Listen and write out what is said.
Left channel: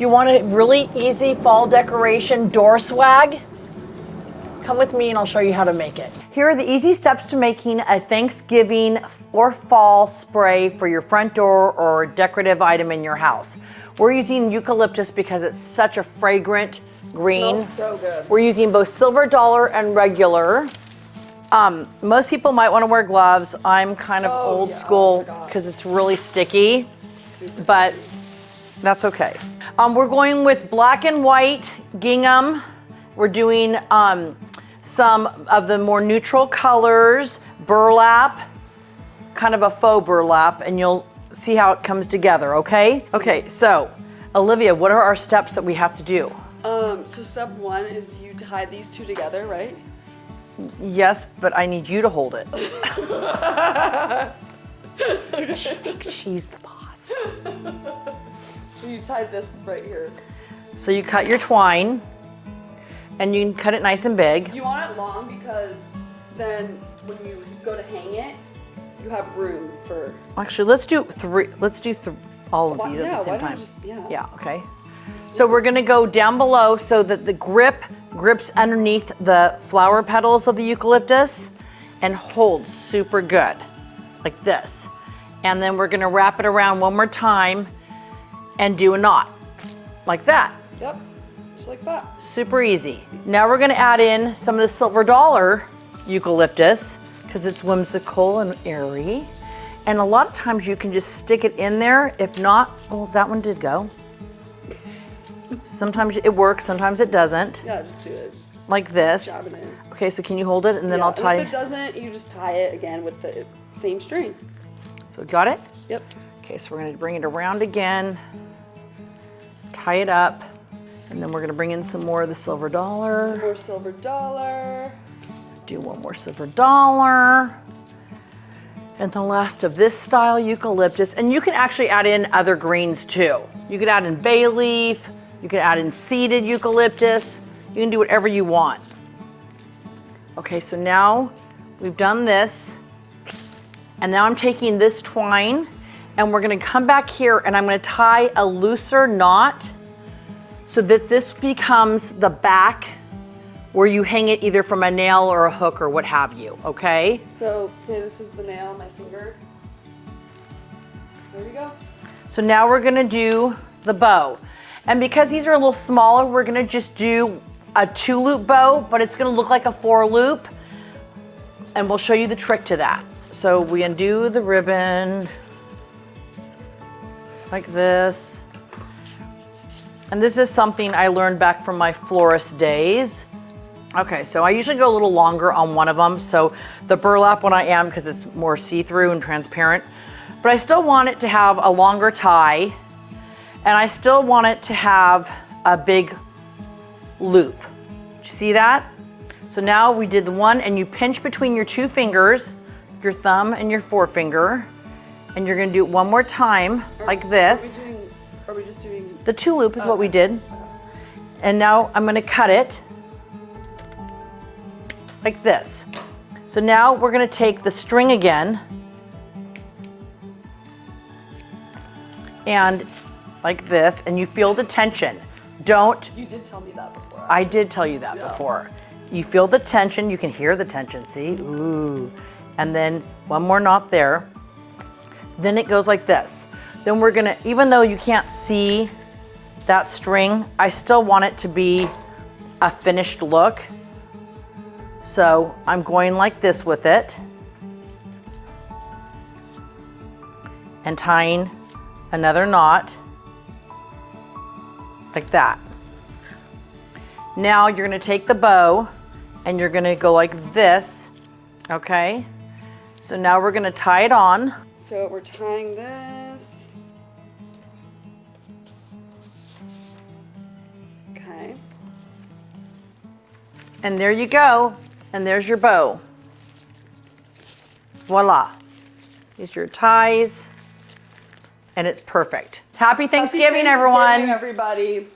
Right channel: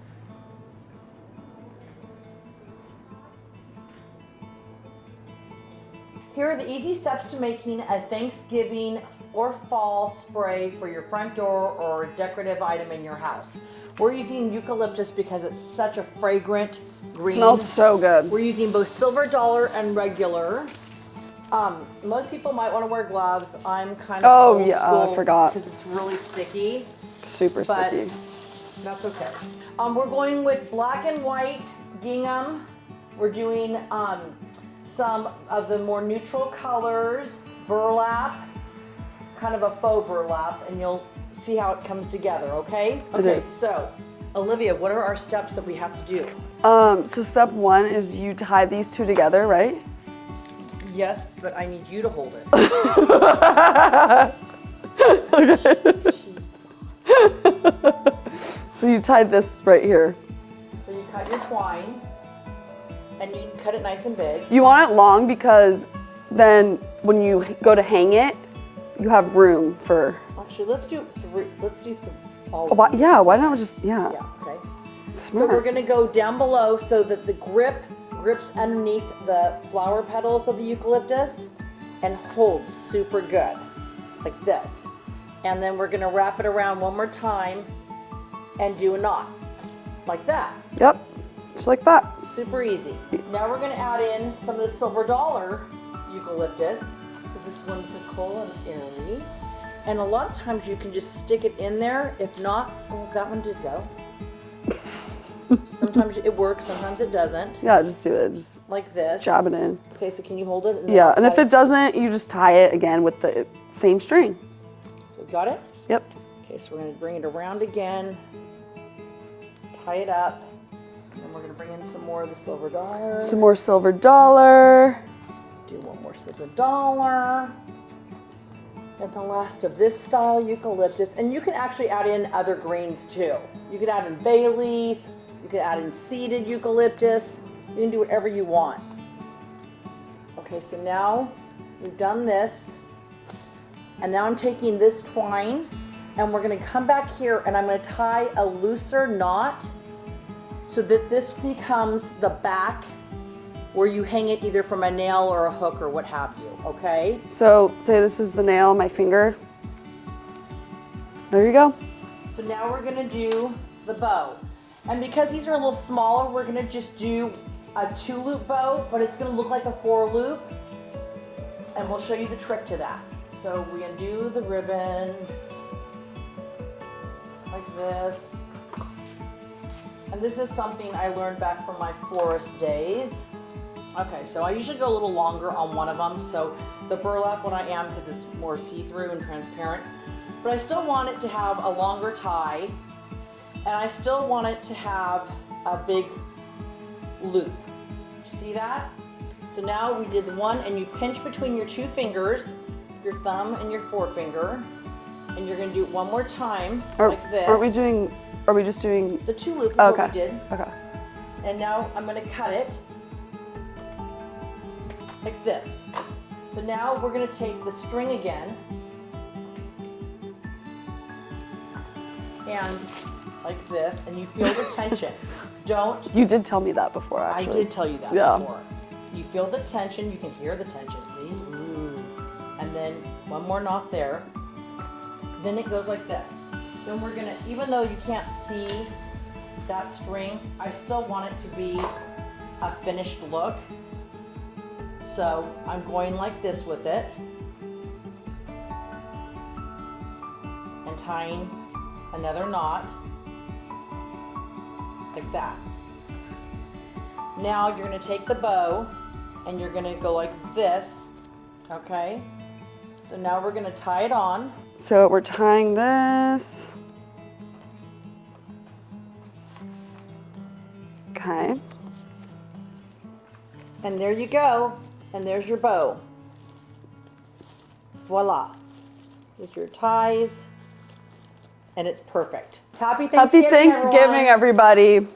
You want a really easy fall decoration door swag? Come with me and I'll show you how to make it. Here are the easy steps to making a Thanksgiving or fall spray for your front door or decorative item in your house. We're using eucalyptus because it's such a fragrant green. Smells so good. We're using both silver dollar and regular. Most people might want to wear gloves. I'm kind of old school because it's really sticky. Super but sticky. That's okay. We're going with black and white gingham. We're doing some of the more neutral colors, burlap, kind of a faux burlap, and you'll see how it comes together, okay? Okay, Yes. so Olivia, what are our steps that we have to do? So step one is you tie these two together, right? Yes, but I need you to hold it. She's the boss. So you tie this right here. So you cut your twine, and you can cut it nice and big. You want it long because then when you go to hang it, you have room for. Actually, let's do three. Let's do all of Why, these. yeah, why not just, yeah. Yeah, okay. So Smart. we're gonna go down below so that the grips underneath the flower petals of the eucalyptus and holds super good, like this. And then we're gonna wrap it around one more time and do a knot, like that. Yep, just like that. Super easy. Now we're gonna add in some of the silver dollar eucalyptus because it's whimsical and airy. And a lot of times you can just stick it in there. If not, well, that one did go. Sometimes it works, sometimes it doesn't. Yeah, just do it. Just like this. jab it in. Okay, so can you hold it? And then Yeah, I'll tie and if it doesn't, you just tie it again with the same string. So got it? Yep. Okay, so we're gonna bring it around again, tie it up, and then we're gonna bring in some more of the silver dollar. Some more silver dollar. Do one more silver dollar. And the last of this style eucalyptus. And you can actually add in other greens too. You could add in bay leaf, you could add in seeded eucalyptus. You can do whatever you want. Okay, so now we've done this. And now I'm taking this twine and we're gonna come back here and I'm gonna tie a looser knot so that this becomes the back where you hang it either from a nail or a hook or what have you, okay? So say this is the nail, my finger. There you go. So now we're gonna do the bow. And because these are a little smaller, we're gonna just do a 2-loop bow, but it's gonna look like a 4-loop. And we'll show you the trick to that. So we undo the ribbon like this. And this is something I learned back from my florist days. Okay, so I usually go a little longer on one of them. So the burlap one I am because it's more see-through and transparent. But I still want it to have a longer tie and I still want it to have a big loop. Did you see that? So now we did the one and you pinch between your two fingers, your thumb and your forefinger, and you're gonna do it one more time like this. Are we just doing? The 2-loop is what we did. Okay. And now I'm gonna cut it like this. So now we're gonna take the string again and like this, and you feel the tension. Don't. You did tell me that before, I actually. did tell you that before. You feel the tension, you can hear the tension, see? Ooh. And then one more knot there. Then it goes like this. Then we're gonna, even though you can't see that string, I still want it to be a finished look. So I'm going like this with it and tying another knot like that. Now you're gonna take the bow and you're gonna go like this, okay? So now we're gonna tie it on. So we're tying this. Okay. And there you go. And there's your bow. Voila. These are your ties. And it's perfect. Happy Thanksgiving, Happy Thanksgiving, everyone. everybody.